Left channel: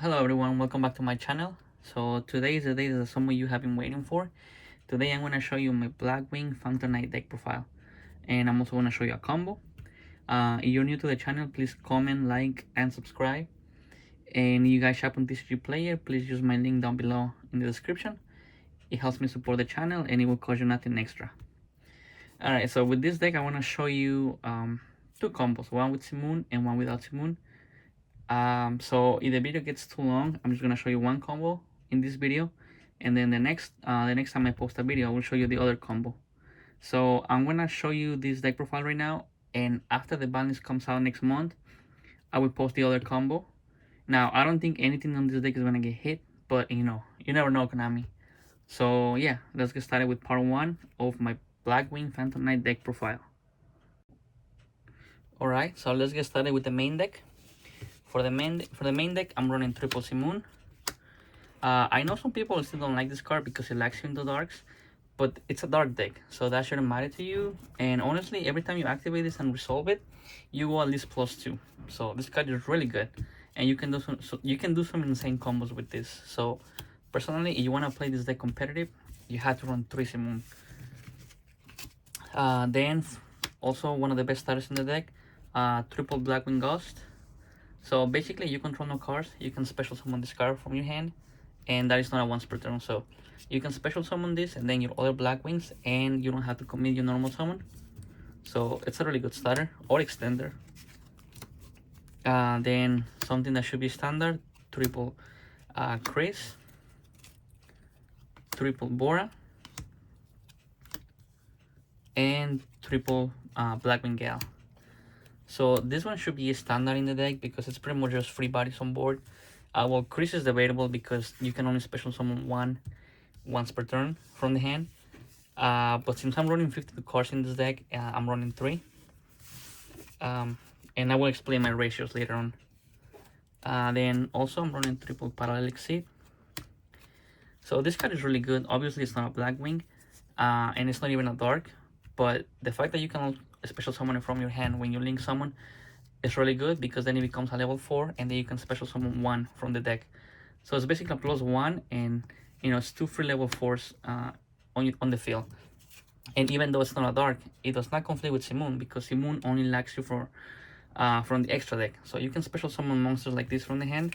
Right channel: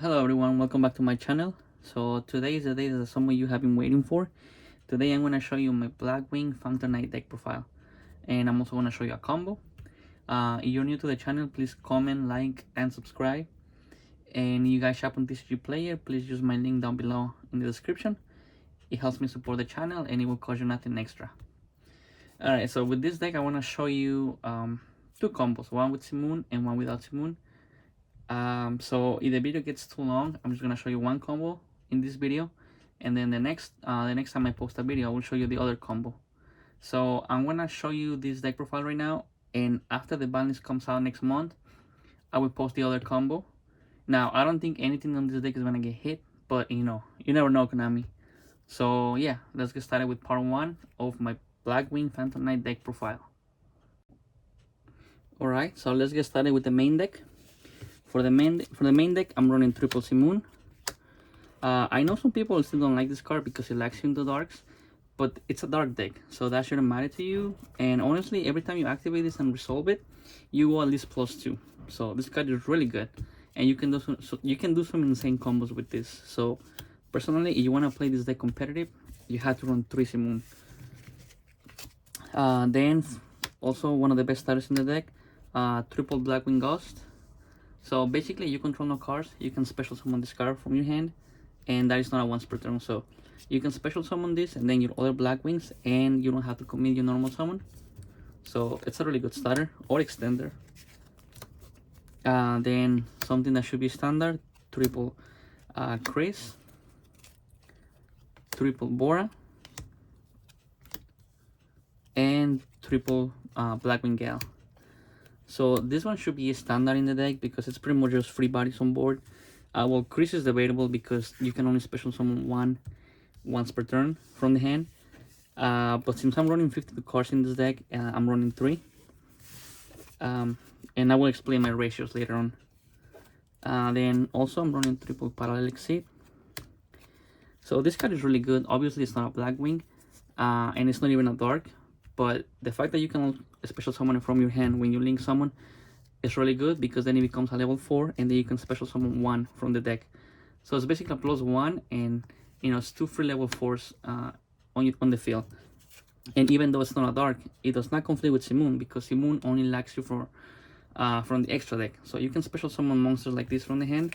Hello everyone, welcome back to my channel. So today is the day that some of you have been waiting for. Today I'm going to show you my Blackwing Phantom Knight deck profile. And I'm also going to show you a combo. If you're new to the channel, please comment, like, and subscribe. And if you guys shop on Tcgplayer, please use my link down below in the description. It helps me support the channel and it will cost you nothing extra. Alright, so with this deck I want to show you two combos, one with Simoon and one without Simoon. So if the video gets too long, I'm just gonna show you one combo in this video, and then the next time I post a video, I will show you the other combo. So I'm gonna show you this deck profile right now, and after the balance comes out next month, I will post the other combo. Now I don't think anything on this deck is gonna get hit, but you never know, Konami. So yeah, let's get started with part one of my Blackwing Phantom Knight deck profile. Alright, so let's get started with the main deck. For the main deck, I'm running triple Simoon. I know some people still don't like this card because it lacks you into darks, but it's a dark deck, so that shouldn't matter to you. And honestly, every time you activate this and resolve it, you go at least +2. So this card is really good, and you can do some insane combos with this. So personally, if you want to play this deck competitive, you have to run 3 Simoon. Then also one of the best starters in the deck, triple Blackwing Ghost. So basically, you control no cards. You can special summon this card from your hand, and that is not a once per turn. So you can special summon this, and then your other Blackwings, and you don't have to commit your normal summon. So it's a really good starter or extender. Then something that should be standard: triple Chris, triple Bora, and triple Blackwing Gal. So this one should be a standard in the deck because it's pretty much just free bodies on board. Well, Chris is debatable because you can only special summon once per turn from the hand. But since I'm running 52 cards in this deck, I'm running 3. And I will explain my ratios later on. Then also I'm running triple Parallel Exceed. So this card is really good. Obviously it's not a Blackwing, and it's not even a dark. But the fact that you can special summon it from your hand when you link summon is really good because then it becomes a level 4 and then you can special summon 1 from the deck. So it's basically a +1 and it's 2 free level 4s on the field. And even though it's not a dark, it does not conflict with Simoon because Simoon only lacks you from the extra deck. So you can special summon monsters like this from the hand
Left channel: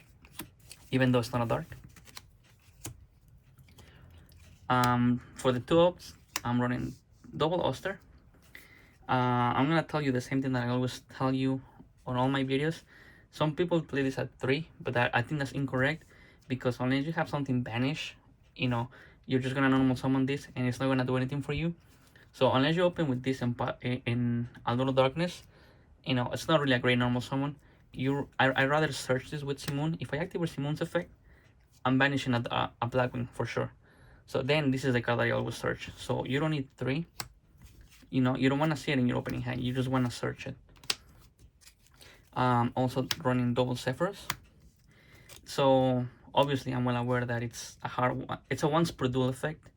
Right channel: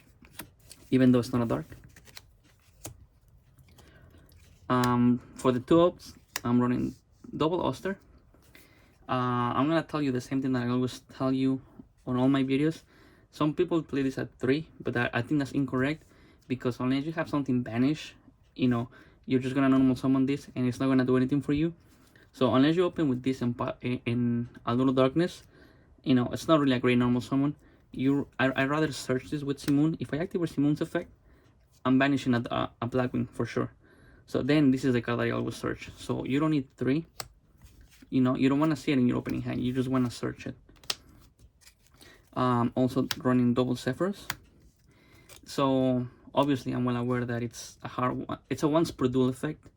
even though it's not a dark. For the 2-ups, I'm running double Oster. I'm gonna tell you the same thing that I always tell you on all my videos. Some people play this at 3, but I think that's incorrect because unless you have something banish, you're just gonna normal summon this and it's not gonna do anything for you. So unless you open with this in a little darkness, it's not really a great normal summon. I'd rather search this with Simoon. If I activate Simoon's effect, I'm banishing a Blackwing for sure. So then this is the card that I always search. So you don't need 3. You don't want to see it in your opening hand. You just want to search it. Also running double Zephyrs. So obviously I'm well aware that it's a hard one. It's a once per duel effect.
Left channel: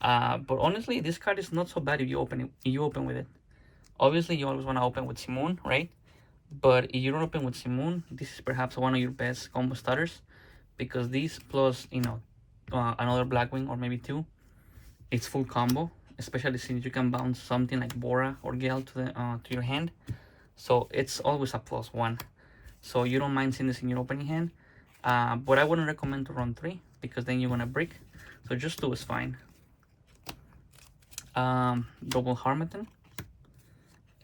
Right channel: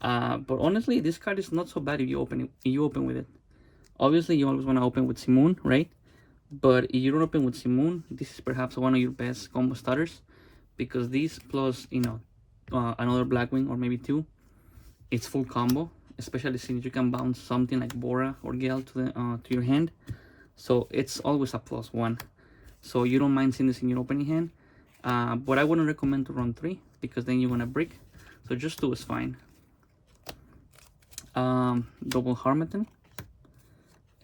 But honestly, this card is not so bad if you open with it. Obviously, you always want to open with Simoon, right? But if you don't open with Simoon, this is perhaps one of your best combo starters because this plus another Blackwing or maybe 2, it's full combo. Especially since you can bounce something like Bora or Gale to your hand, so it's always a +1. So you don't mind seeing this in your opening hand, but I wouldn't recommend to run 3 because then you're gonna break. So just 2 is fine. Double Harmattan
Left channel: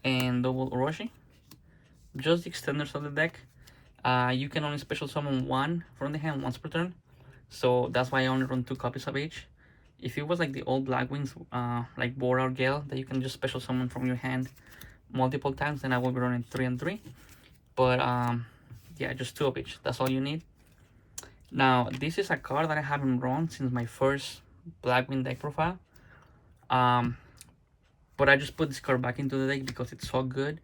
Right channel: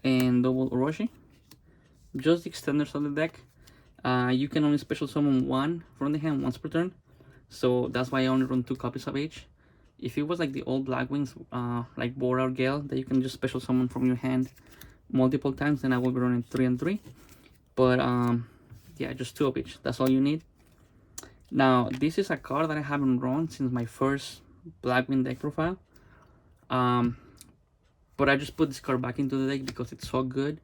and double Orochi. Just the extenders of the deck. You can only special summon 1 from the hand once per turn, so that's why I only run 2 copies of each. If it was like the old Blackwings, like Bora or Gale, that you can just special summon from your hand multiple times, then I will be running 3 and 3. But yeah, just 2 of each. That's all you need. Now, this is a card that I haven't run since my first Blackwing deck profile. But I just put this card back into the deck because it's so good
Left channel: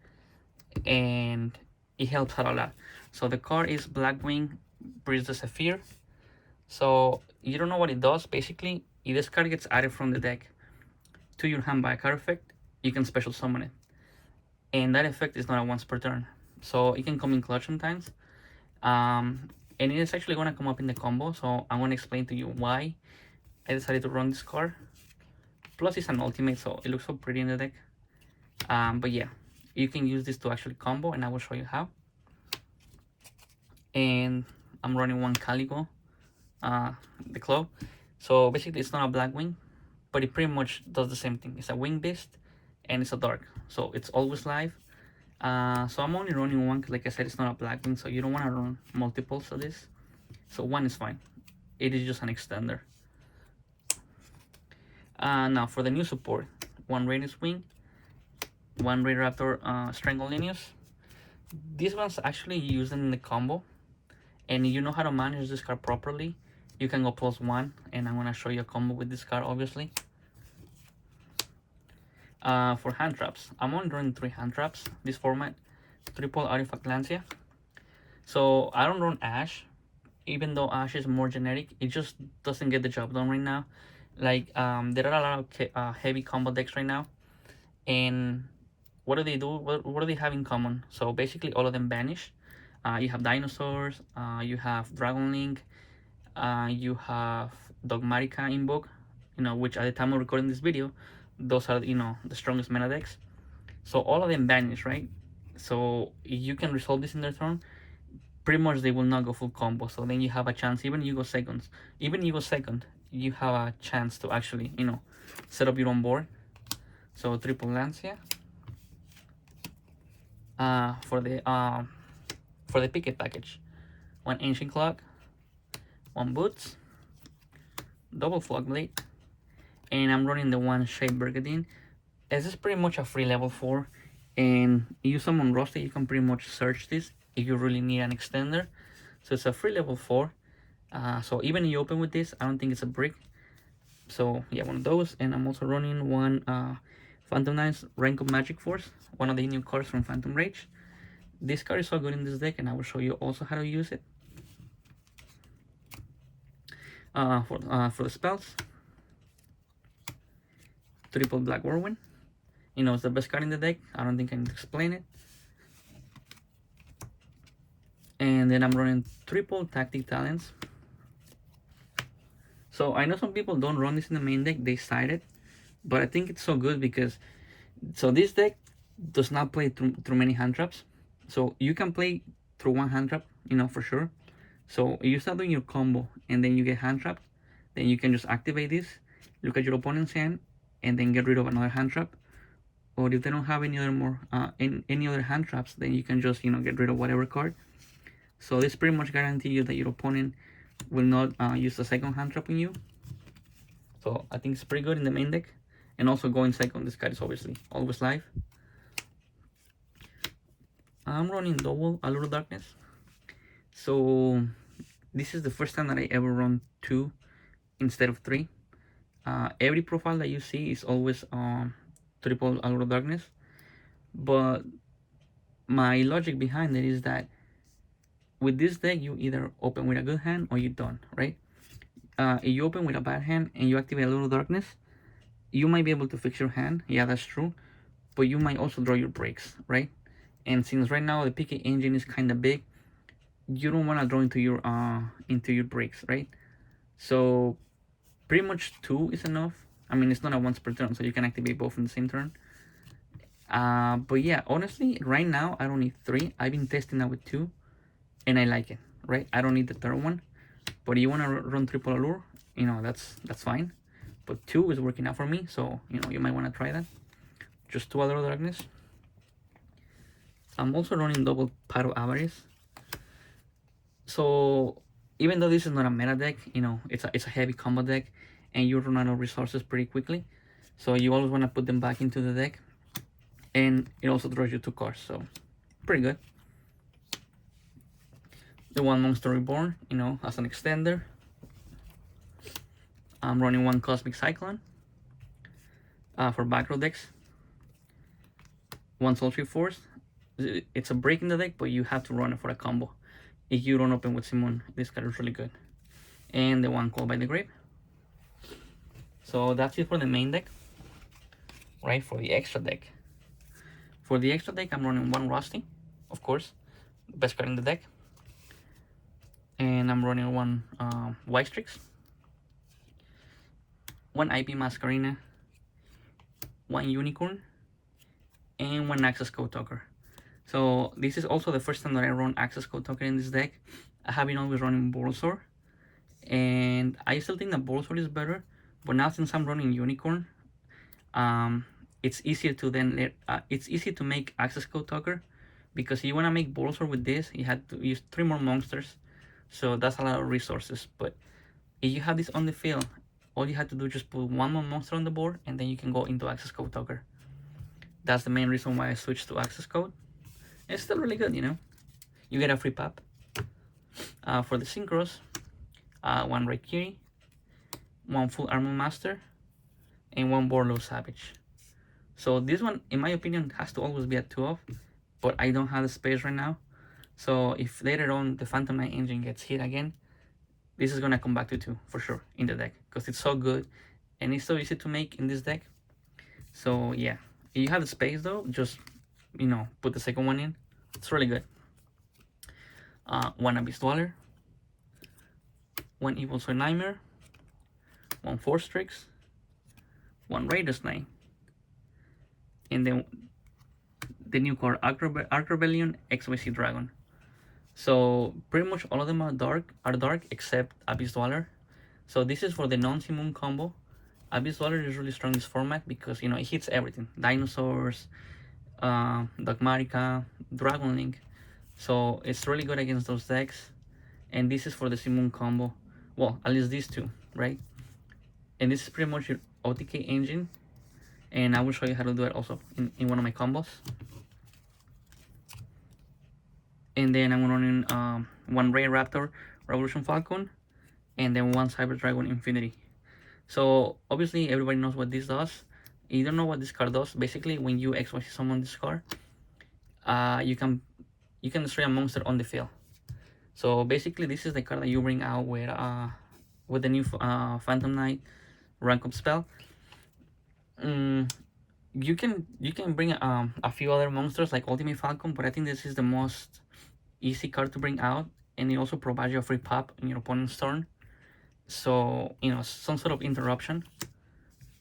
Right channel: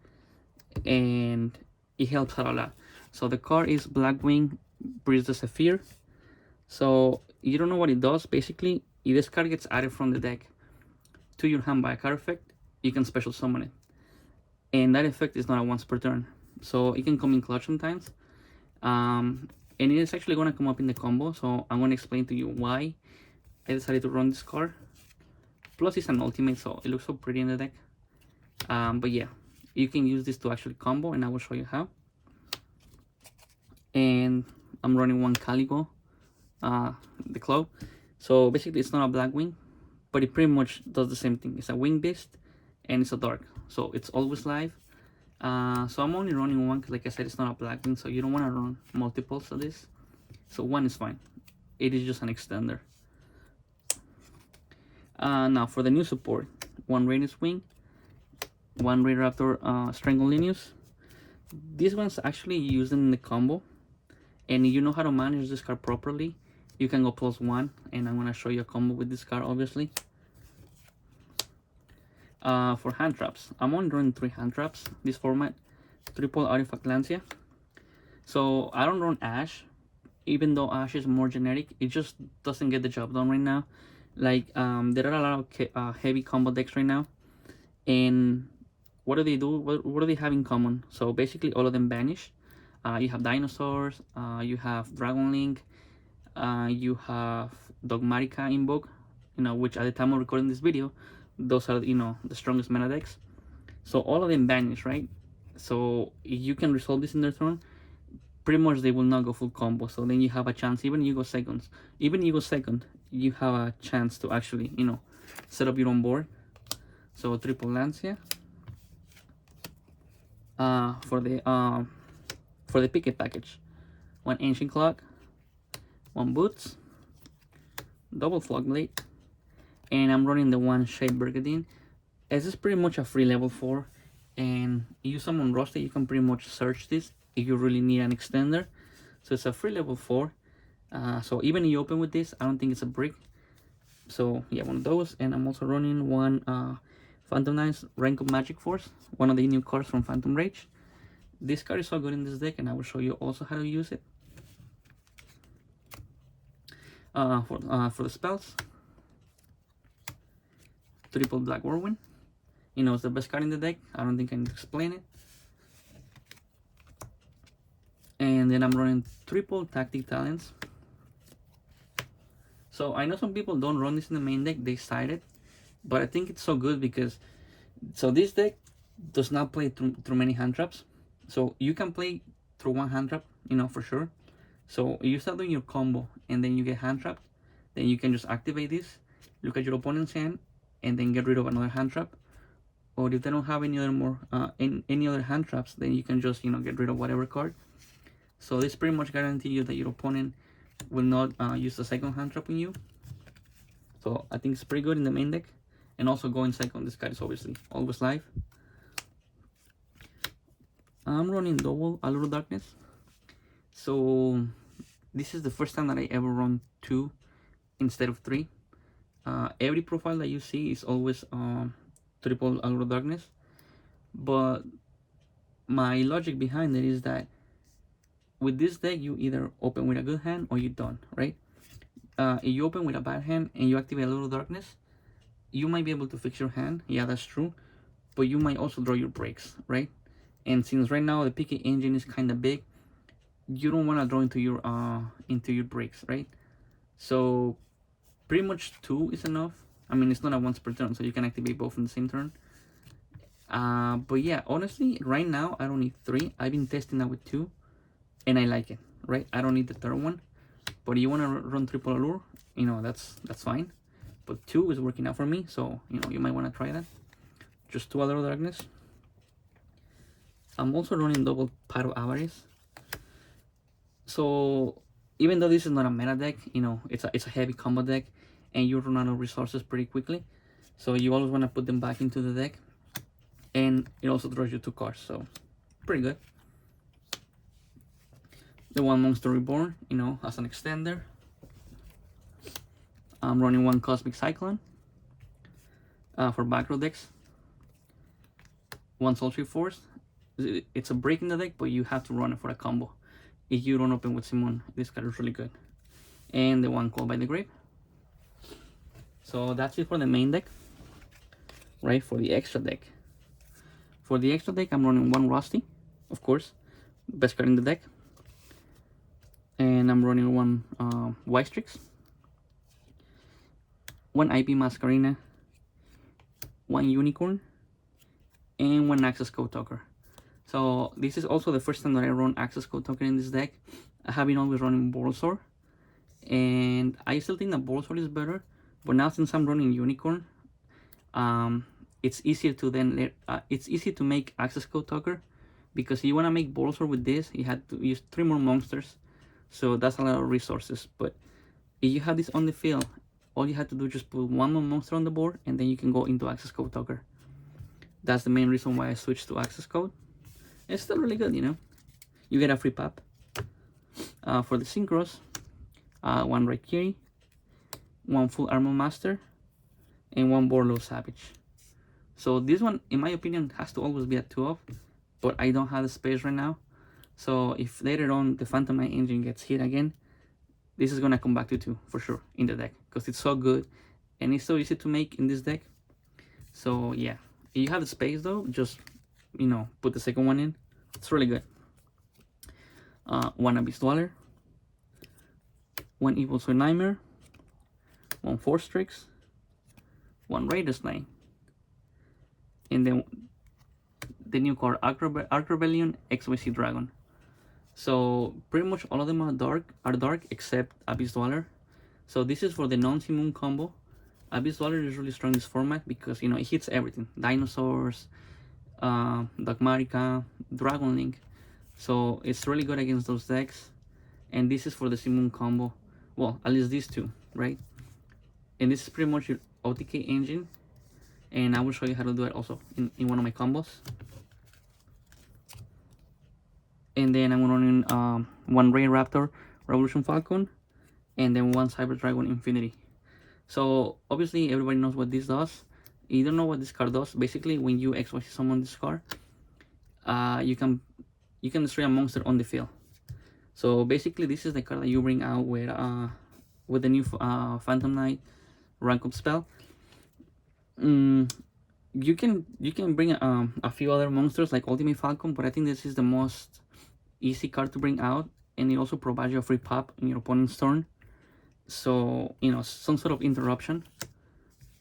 and it helps out a lot. So the card is Blackwing Breeze the Zephyr. So you don't know what it does. Basically, if this card gets added from the deck to your hand by a card effect, you can special summon it. And that effect is not a once per turn. So it can come in clutch sometimes. and it is actually gonna come up in the combo. So I'm gonna explain to you why I decided to run this card. Plus, it's an ultimate, so it looks so pretty in the deck. But yeah, you can use this to actually combo, and I will show you how. And I'm running one Calico, the club. So basically, it's not a Blackwing, but it pretty much does the same thing. It's a wing beast, and it's a dark, so it's always live. So I'm only running one, like I said, it's not a Blackwing, so you don't want to run multiples of this. So one is fine. It is just an extender. Now for the new support, one Radius Wing, one Ray Raptor Stranglelinus. These ones actually use them in the combo, and if you know how to manage this card properly, you can go +1, and I'm gonna show you a combo with this card, obviously. For hand traps, I'm only running 3 hand traps this format. Triple Artifact Lancia. So I don't run Ash, even though Ash is more generic. It just doesn't get the job done right now. Like there are a lot of heavy combo decks right now, and what do they do? What do they have in common? So basically, all of them vanish. You have dinosaurs. You have Dragon Link. You have Dogmatica Invoke. Which at the time of recording this video, those are the strongest meta decks. So all of them vanish, right? So you can resolve this in their turn. Pretty much they will not go full combo. So then you have a chance. Even you go second, you have a chance to actually set up your own board. So triple Lancia. For the Picket package, one Ancient Clock, one Boots, double Flogblade, and I'm running the one Shade Brigadine. This is pretty much a free level 4, and if you summon roster, you can pretty much search this if you really need an extender. So it's a free level 4. So even if you open with this, I don't think it's a brick. So yeah, one of those, and I'm also running one Phantom Knights Rank of Magic Force, one of the new cards from Phantom Rage. This card is so good in this deck, and I will show you also how to use it. For the spells, triple Black Whirlwind. It's the best card in the deck. I don't think I need to explain it. And then I'm running triple Tactic Talents. So I know some people don't run this in the main deck, they side it, but I think it's so good because this deck does not play through many hand traps. So you can play through one hand trap, for sure. So if you start doing your combo and then you get hand trapped, then you can just activate this, look at your opponent's hand, and then get rid of another hand trap. Or if they don't have any other hand traps, then you can just get rid of whatever card. So this pretty much guarantees you that your opponent will not use the second hand trap on you. So I think it's pretty good in the main deck. And also going second, this card is obviously always live. I'm running double Allure of Darkness. So this is the first time that I ever run 2 instead of 3. Every profile that you see is always triple Allure of Darkness. But my logic behind it is that with this deck, you either open with a good hand or you don't, right? If you open with a bad hand and you activate Allure of Darkness, you might be able to fix your hand. Yeah, that's true. But you might also draw your breaks, right? And since right now the PK engine is kind of big, you don't want to draw into your breaks, right? So pretty much 2 is enough. I mean, it's not a once per turn, so you can activate both in the same turn. But yeah, honestly, right now I don't need 3. I've been testing that with 2, and I like it, right? I don't need the third one. But if you want to run triple Allure, that's fine. But 2 is working out for me, so you might want to try that. Just 2 Allure of Darkness. I'm also running double Pot of Avarice. So even though this is not a meta deck, it's a heavy combo deck, and you run out of resources pretty quickly. So you always want to put them back into the deck, and it also draws you 2 cards, so pretty good. The one Monster Reborn, as an extender. I'm running one Cosmic Cyclone for back row decks. One Sultry Force. It's a break in the deck, but you have to run it for a combo. If you don't open with Simon, this card is really good. And the one Called by the Grave. So that's it for the main deck. Right, for the extra deck. For the extra deck, I'm running one Rusty, of course. Best card in the deck. and I'm running one White Strix, one IP Masquerina, one Unicorn, and one Access Code Talker. So this is also the first time that I run Access Code Talker in this deck. I have been always running Bulbasaur, and I still think that Bulbasaur is better, but now since I'm running Unicorn, it's easier to it's easy to make Access Code Talker, because if you want to make Bulbasaur with this, you had to use 3 more monsters, so that's a lot of resources. But if you have this on the field, all you have to do is just put 1 more monster on the board, and then you can go into Access Code Talker. That's the main reason why I switched to Access Code. It's still really good, you know. You get a free pop. For the Synchros, 1 Raikiri, 1 Full Armor Master, and 1 Borlo Savage. So this one, in my opinion, has to always be a 2-of, but I don't have the space right now. So if later on the Phantom Knight engine gets hit again, this is gonna come back to 2 for sure in the deck, because it's so good and it's so easy to make in this deck. So yeah, if you have the space though, just, you know, put the second one in. It's really good. 1 Abyss Dweller, 1 Evil Sword Nightmare, 1 Force Strix, 1 Raiders Knight, and then the new card Arc Rebellion XYZ Dragon. So pretty much all of them are dark except Abyss Dweller. So this is for the non-Simoon combo. Abyss Dweller is really strong in this format because, you know, it hits everything: dinosaurs, Dogmatica, Dragon Link. So it's really good against those decks. And this is for the Simoon combo. Well, at least these two, right? And this is pretty much your OTK engine. And I will show you how to do it also in one of my combos. And then I'm running 1 Ray Raptor Revolution Falcon, and then 1 Cyber Dragon Infinity. So obviously everybody knows what this does. You don't know what this card does. Basically, when you XYZ summon this card, you can destroy a monster on the field. So basically, this is the card that you bring out with the new Phantom Knight rank up spell. You can bring a few other monsters like Ultimate Falcon, but I think this is the most easy card to bring out, and it also provides you a free pop in your opponent's turn. So, you know, some sort of interruption.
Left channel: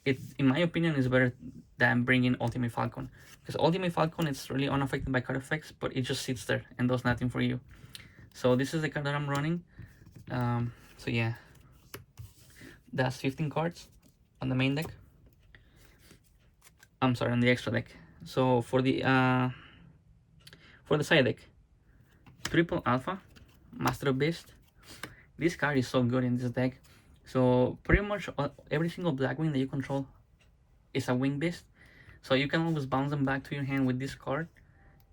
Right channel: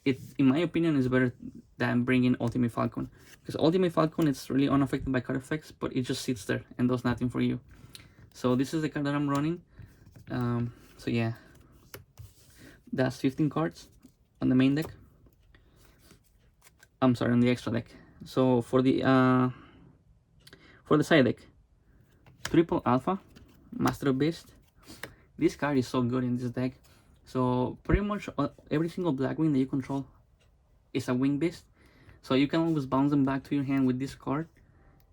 It, in my opinion, is better than bringing Ultimate Falcon, because Ultimate Falcon is really unaffected by card effects, but it just sits there and does nothing for you. So this is the card that I'm running. So yeah, that's 15 cards on the main deck. I'm sorry, on the extra deck. So for the side deck, Triple Alpha, Master of Beast. This card is so good in this deck. So pretty much every single Blackwing that you control is a Wing Beast. So you can always bounce them back to your hand with this card,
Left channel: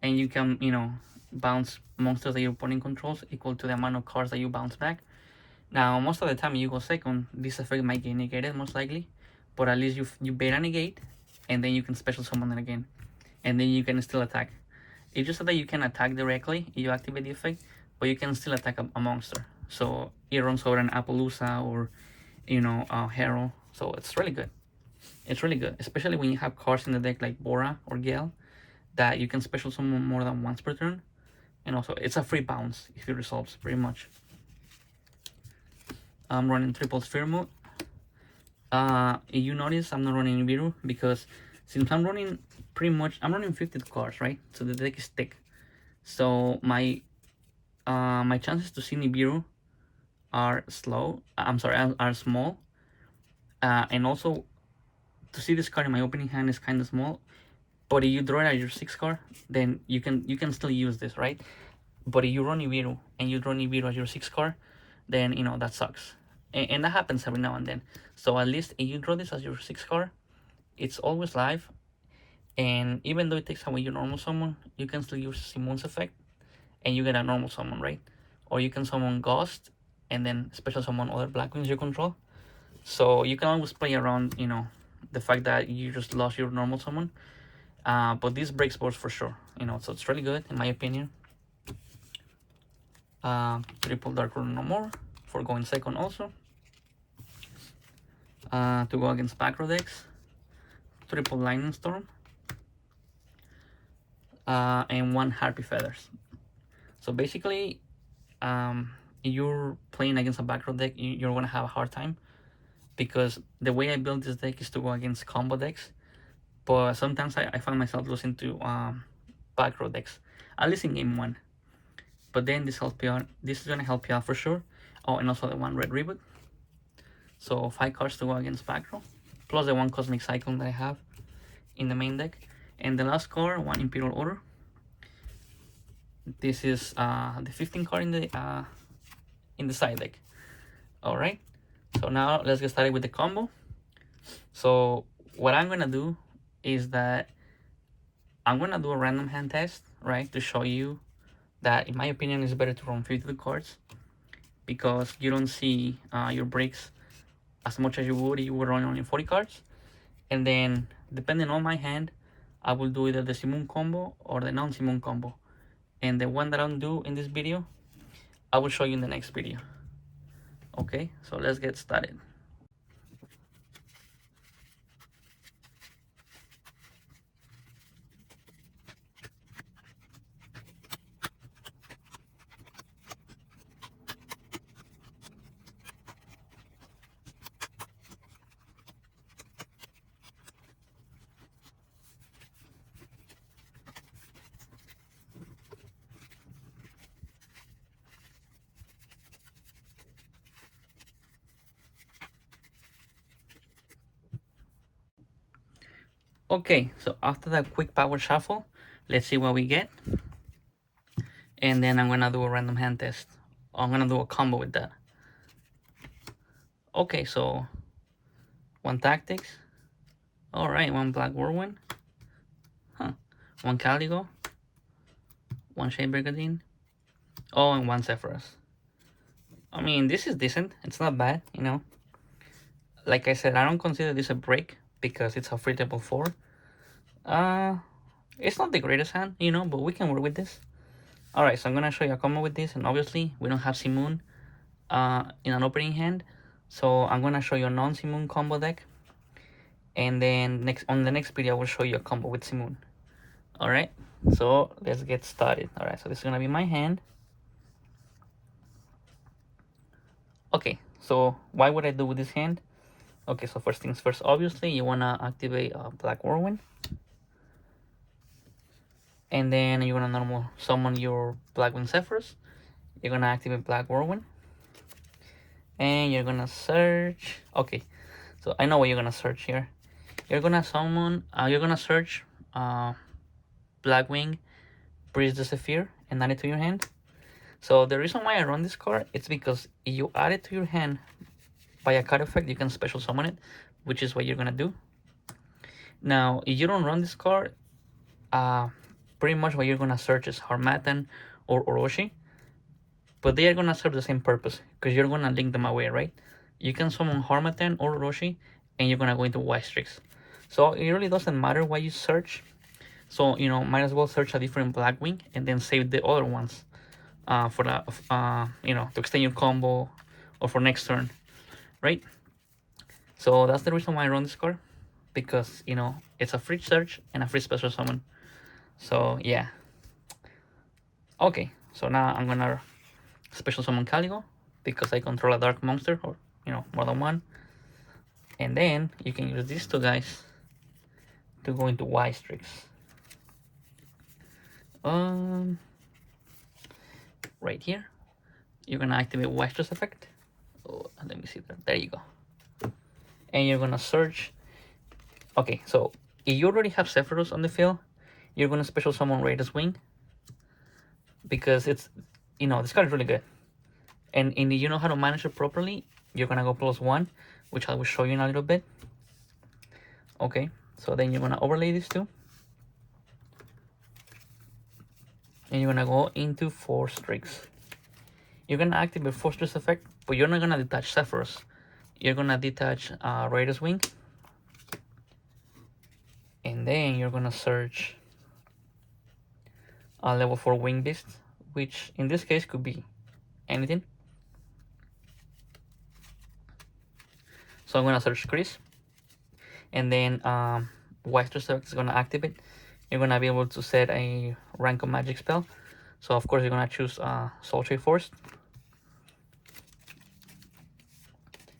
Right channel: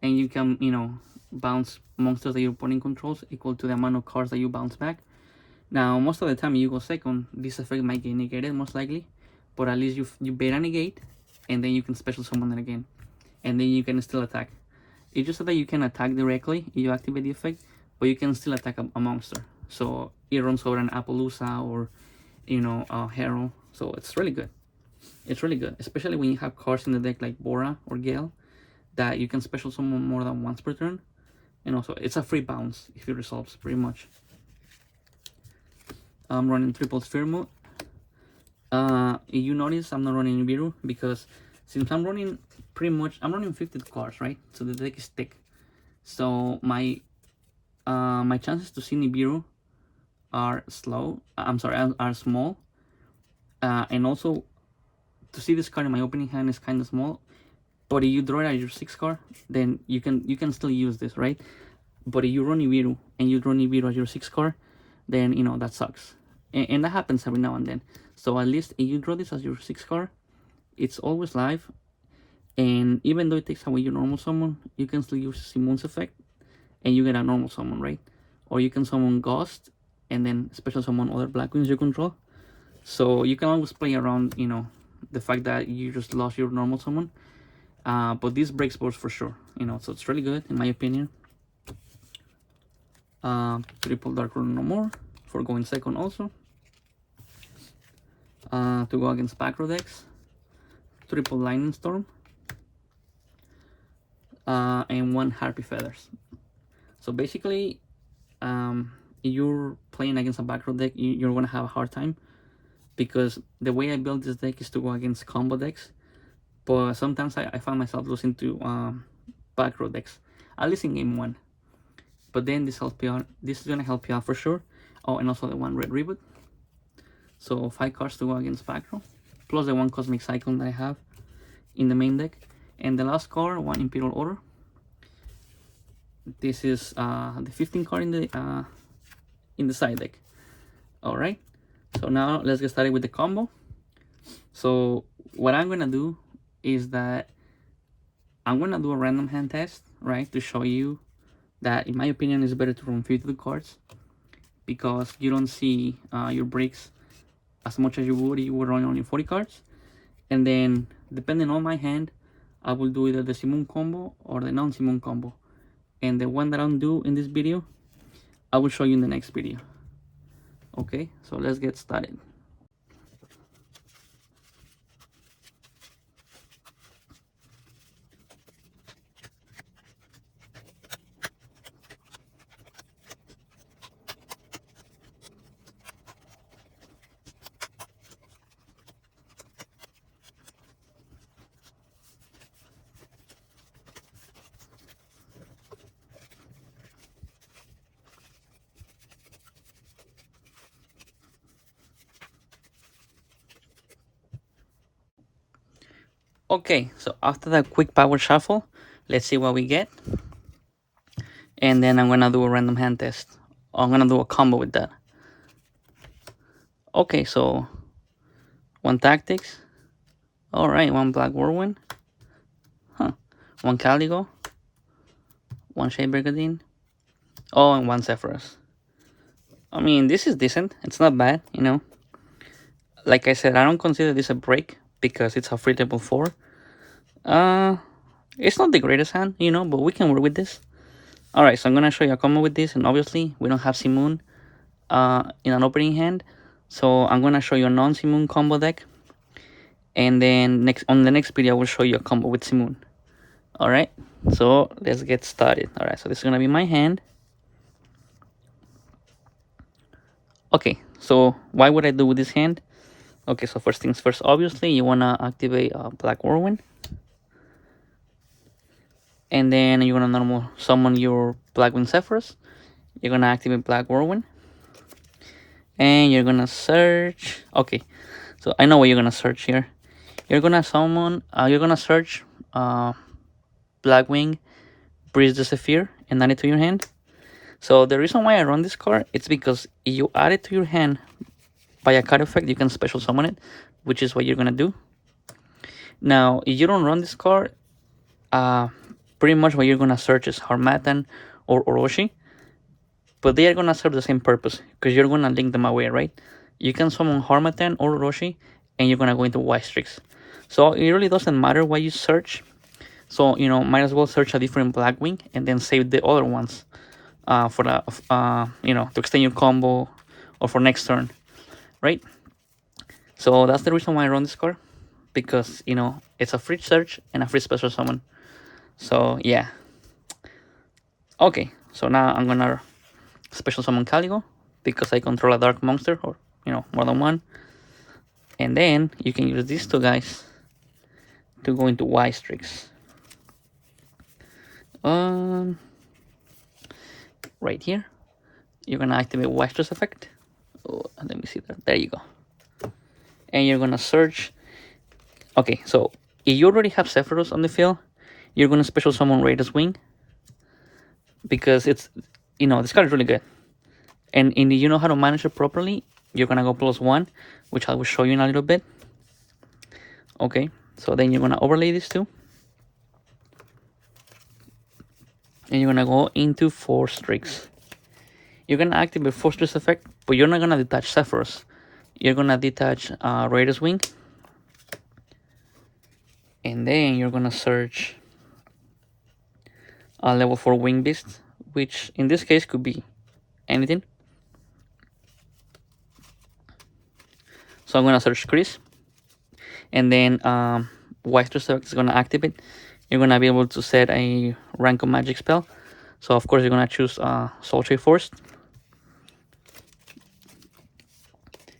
and you can, you know, bounce monsters that your opponent controls equal to the amount of cards that you bounce back. Now, most of the time you go second, this effect might get negated most likely, but at least you beta negate, and then you can special summon it again, and then you can still attack. It's just that you can attack directly if you activate the effect, but you can still attack a monster. So it runs over an Appaloosa or, you know, Hero. So it's really good. It's really good, especially when you have cards in the deck like Bora or Gale that you can special summon more than once per turn. And also, it's a free bounce if it resolves, pretty much. I'm running triple sphere mode. If you notice, I'm not running Nibiru because since I'm running I'm running 50 cards, right? So the deck is thick. So my chances to see Nibiru are slow. Are small. And also, to see this card in my opening hand is kind of small. But if you draw it as your 6th card, then you can still use this, right? But if you run Nibiru and you draw Nibiru as your 6th card, then, you know, that sucks. And that happens every now and then. So at least if you draw this as your 6th card, it's always live. And even though it takes away your normal summon, you can still use Simoon's effect, and you get a normal summon, right? Or you can summon Ghost, and then special summon other Blackwings you control. So you can always play around, you know, the fact that you just lost your normal summon. But this breaks boards for sure, you know, so it's really good in my opinion. Triple Dark Rune no more for going second also. To go against Backrow decks, triple Lightning Storm, and 1 Harpy Feathers. So basically, if you're playing against a back row deck, you're gonna have a hard time, because the way I build this deck is to go against combo decks. But sometimes I find myself losing to back row decks, at least in game one. But then this helps you out. This is gonna help you out for sure. Oh, and also the one red reboot. So 5 cards to go against back row, plus the one cosmic cyclone that I have in the main deck, and the last card, one Imperial Order. This is the 15th card in the side deck. All right. So now let's get started with the combo. So what I'm gonna do is that I'm gonna do a random hand test, right, to show you that in my opinion it's better to run 52 cards, because you don't see your breaks as much as you would if you were running only 40 cards. And then depending on my hand, I will do either the Simon combo or the non-Simon combo. And the one that I'll do in this video, I will show you in the next video. Okay, so let's get started. Okay, so after that quick power shuffle, let's see what we get. And then I'm gonna do a random hand test. I'm gonna do a combo with that. Okay, so one Tactics. All right, one Black Whirlwind. Huh. One Caligo. One Shade Brigandine. Oh, and one Zephyrus. I mean, this is decent. It's not bad, you know. Like I said, I don't consider this a break because it's a free table 4. It's not the greatest hand, you know, but we can work with this. Alright, so I'm gonna show you a combo with this, and obviously we don't have Simoon in an opening hand. So I'm gonna show you a non-Simoon combo deck. And then on the next video I will show you a combo with Simoon. Alright, so let's get started. Alright, so this is gonna be my hand. Okay, so why would I do with this hand? Okay, so first things first, obviously you wanna activate Black Whirlwind. And then you're gonna normal summon your Blackwing Zephyrus. You're gonna activate Black Whirlwind. And you're gonna search. Okay, so I know what you're gonna search here. You're gonna summon, you're gonna search Blackwing, Breeze the Zephyr, and add it to your hand. So the reason why I run this card, it's because if you add it to your hand by a card effect, you can special summon it, which is what you're gonna do. Now, if you don't run this card, pretty much what you're gonna search is Harmattan or Orochi, but they are gonna serve the same purpose because you're gonna link them away, right? You can summon Harmattan or Orochi, and you're gonna go into White Strix. So it really doesn't matter what you search. So you know, might as well search a different Blackwing and then save the other ones for the you know, to extend your combo or for next turn, right? So that's the reason why I run this card, because you know it's a free search and a free special summon. So yeah. Okay, so now I'm gonna special summon Caligo because I control a dark monster, or you know, more than one. And then you can use these two guys to go into White Strix. Right here, you're gonna activate White Strix effect. Oh, let me see that. There you go. And you're gonna search. Okay, so if you already have Zephyrus on the field, you're gonna special summon Raider's Wing, because it's, you know, this card is really good. And if you know how to manage it properly, you're gonna go +1, which I will show you in a little bit. Okay, so then you're gonna overlay these two, and you're gonna go into 4 Strix. You're gonna activate 4 Strix effect, but you're not gonna detach Zephyrus. You're gonna detach Raider's Wing, and then you're gonna search a level 4 Wing Beast, which in this case could be anything. So I'm gonna search Chris, and then White Strix is gonna activate. You're gonna be able to set a rank of magic spell. So of course you're gonna choose Soul Trade Force.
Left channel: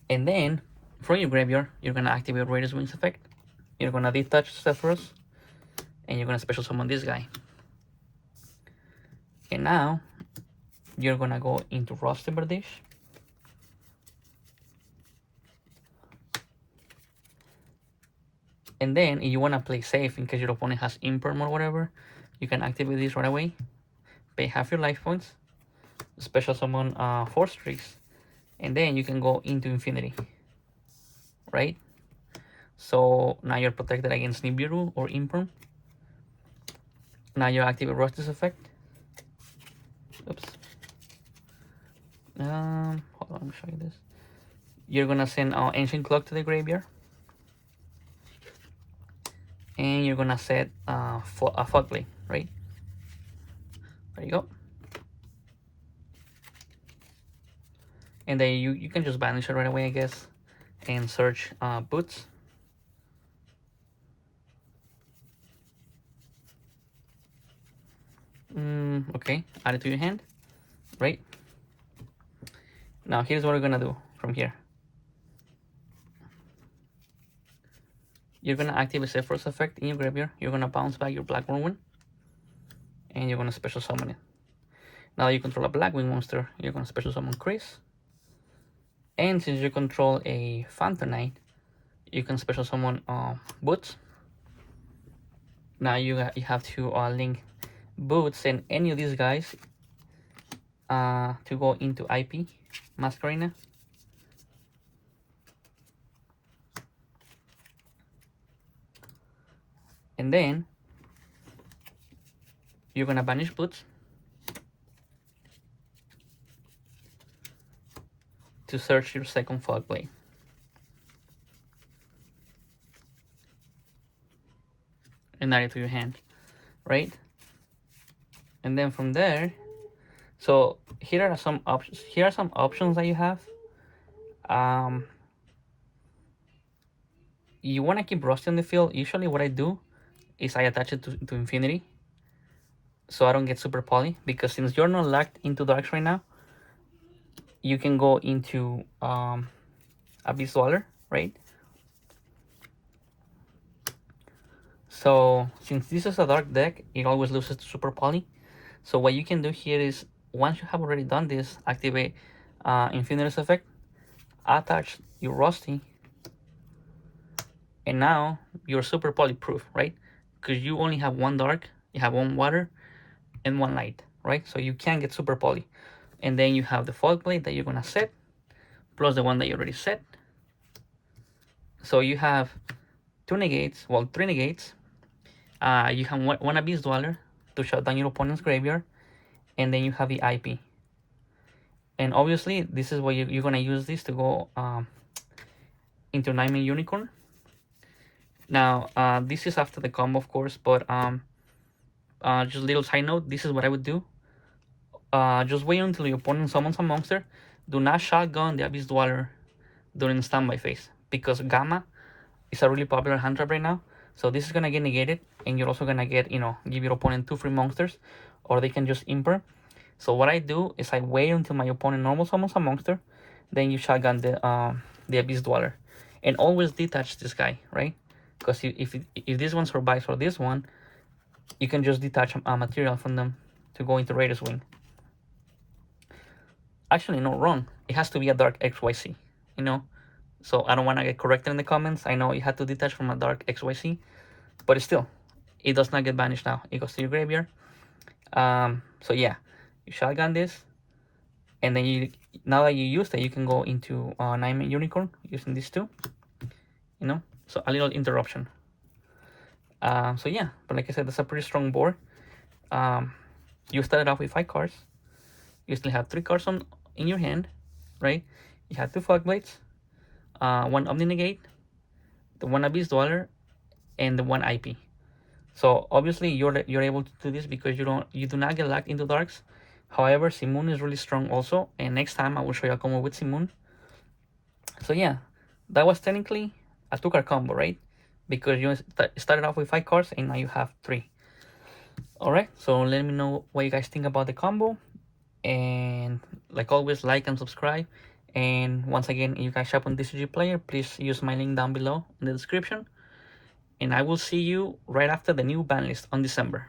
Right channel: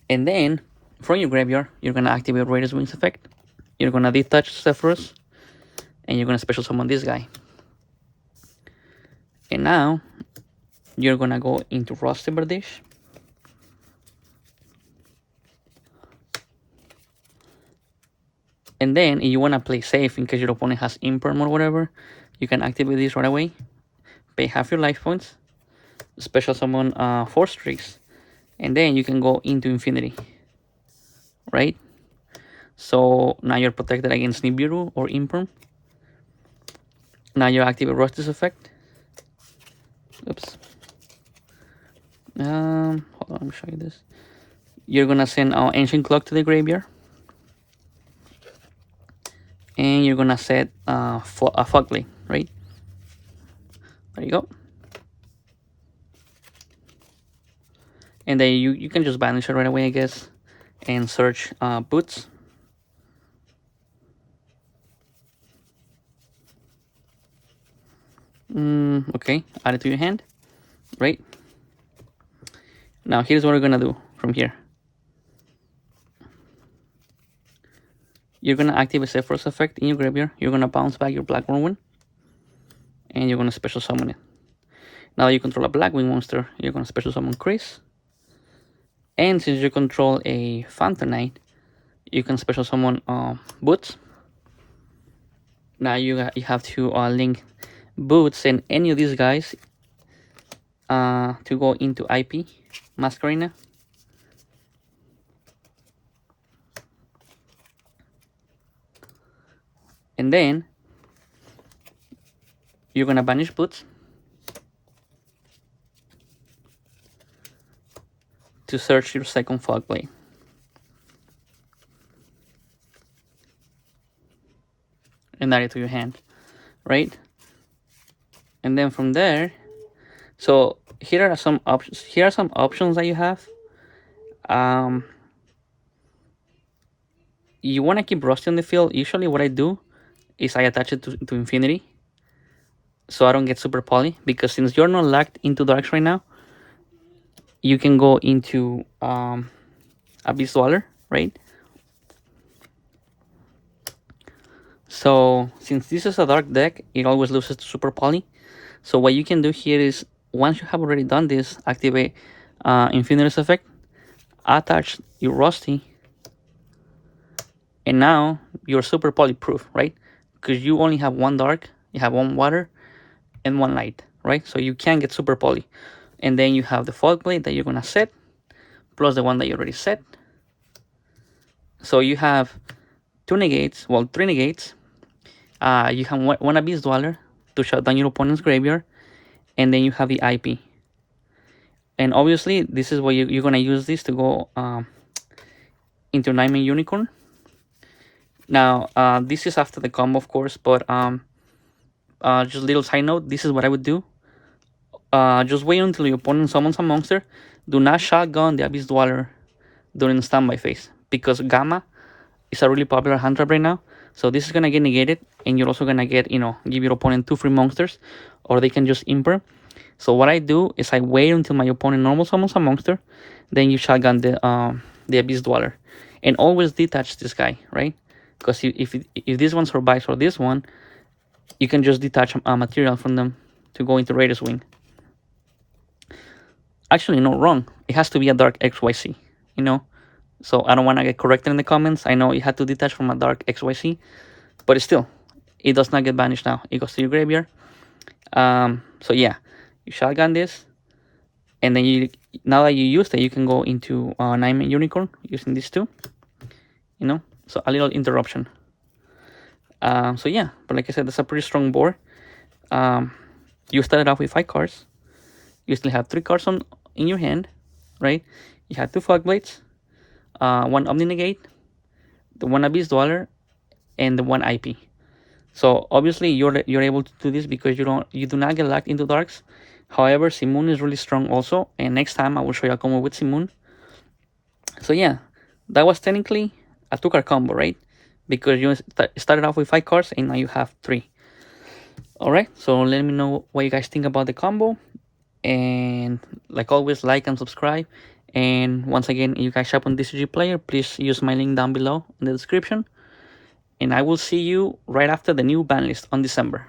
And then from your graveyard, you're gonna activate Raiders Wings effect. You're gonna detach Zephyrus, and you're gonna special summon this guy. And now you're gonna go into Rusty Bardish. And then if you wanna play safe in case your opponent has Imperm or whatever, you can activate this right away. Pay half your life points, special summon 4 streaks, and then you can go into Infinity. Right? So now you're protected against Nibiru or Imperm. Now you activate Rusty's effect. Oops. Hold on, let me show you this. You're gonna send Ancient Clock to the graveyard, and you're gonna set a Fogblade, right? There you go. And then you can just banish it right away, I guess, and search Boots. Okay, add it to your hand, right? Now here's what we're gonna do from here. You're gonna activate Zephyrus effect in your graveyard. You're gonna bounce back your Blackwing, and you're gonna special summon it. Now you control a Blackwing monster, you're gonna special summon Chris. And since you control a Phantom Knight, you can special summon Boots. Now you have to link Boots and any of these guys to go into IP Masquerena. And then you're gonna banish Boots to search your second Fogblade. And add it to your hand, right? And then from there, so here are some options. Here are some options that you have. You want to keep Rusty on the field. Usually what I do is I attach it to Infinity, so I don't get super poly, because since you're not locked into darks right now, you can go into Abyss Dweller, right? So since this is a dark deck, it always loses to super poly. So what you can do here is, once you have already done this, activate Infinity's effect, attach your Rusty, and now you're super poly proof, right? Because you only have one dark, you have one water, and one light, right? So you can get super poly. And then you have the Fogblade that you're gonna set, plus the one that you already set. So you have 2 negates, well, 3 negates. You have one Abyss Dweller to shut down your opponent's graveyard, and then you have the IP. And obviously, this is where you're gonna use this to go into Nightmare Unicorn. Now, this is after the combo, of course, but just a little side note, this is what I would do. Just wait until your opponent summons a monster. Do not shotgun the Abyss Dweller during standby phase, because Gamma is a really popular hand trap right now. So this is gonna get negated, and you're also gonna get, give your opponent 2 free monsters, or they can just imper. So what I do is I wait until my opponent normal summons a monster, then you shotgun the Abyss Dweller, and always detach this guy, right? Because if this one survives or this one, you can just detach a material from them to go into Raiders Wing. Actually, no, wrong. It has to be a dark XYZ, So I don't want to get corrected in the comments. I know it had to detach from a dark XYZ, but still, it does not get banished now. It goes to your graveyard. So yeah, you shotgun this, and then now that you used it, you can go into Nightmare Unicorn using these 2. So a little interruption. So yeah, but like I said, that's a pretty strong board. You started off with 5 cards. You still have 3 cards in your hand, right? You have 2 Fogblades, 1 Omni Negate, the 1 Abyss Dweller, and the 1 IP. So obviously you're able to do this because you do not get locked into darks. However, Simoon is really strong also, and next time I will show you a combo with Simoon. So yeah, that was technically a 2-card combo, right? Because you started off with 5 cards and now you have 3. Alright, so let me know what you guys think about the combo. And like always, like and subscribe. And once again, if you guys shop on Tcgplayer, please use my link down below in the description. And I will see you right after the new ban list on December.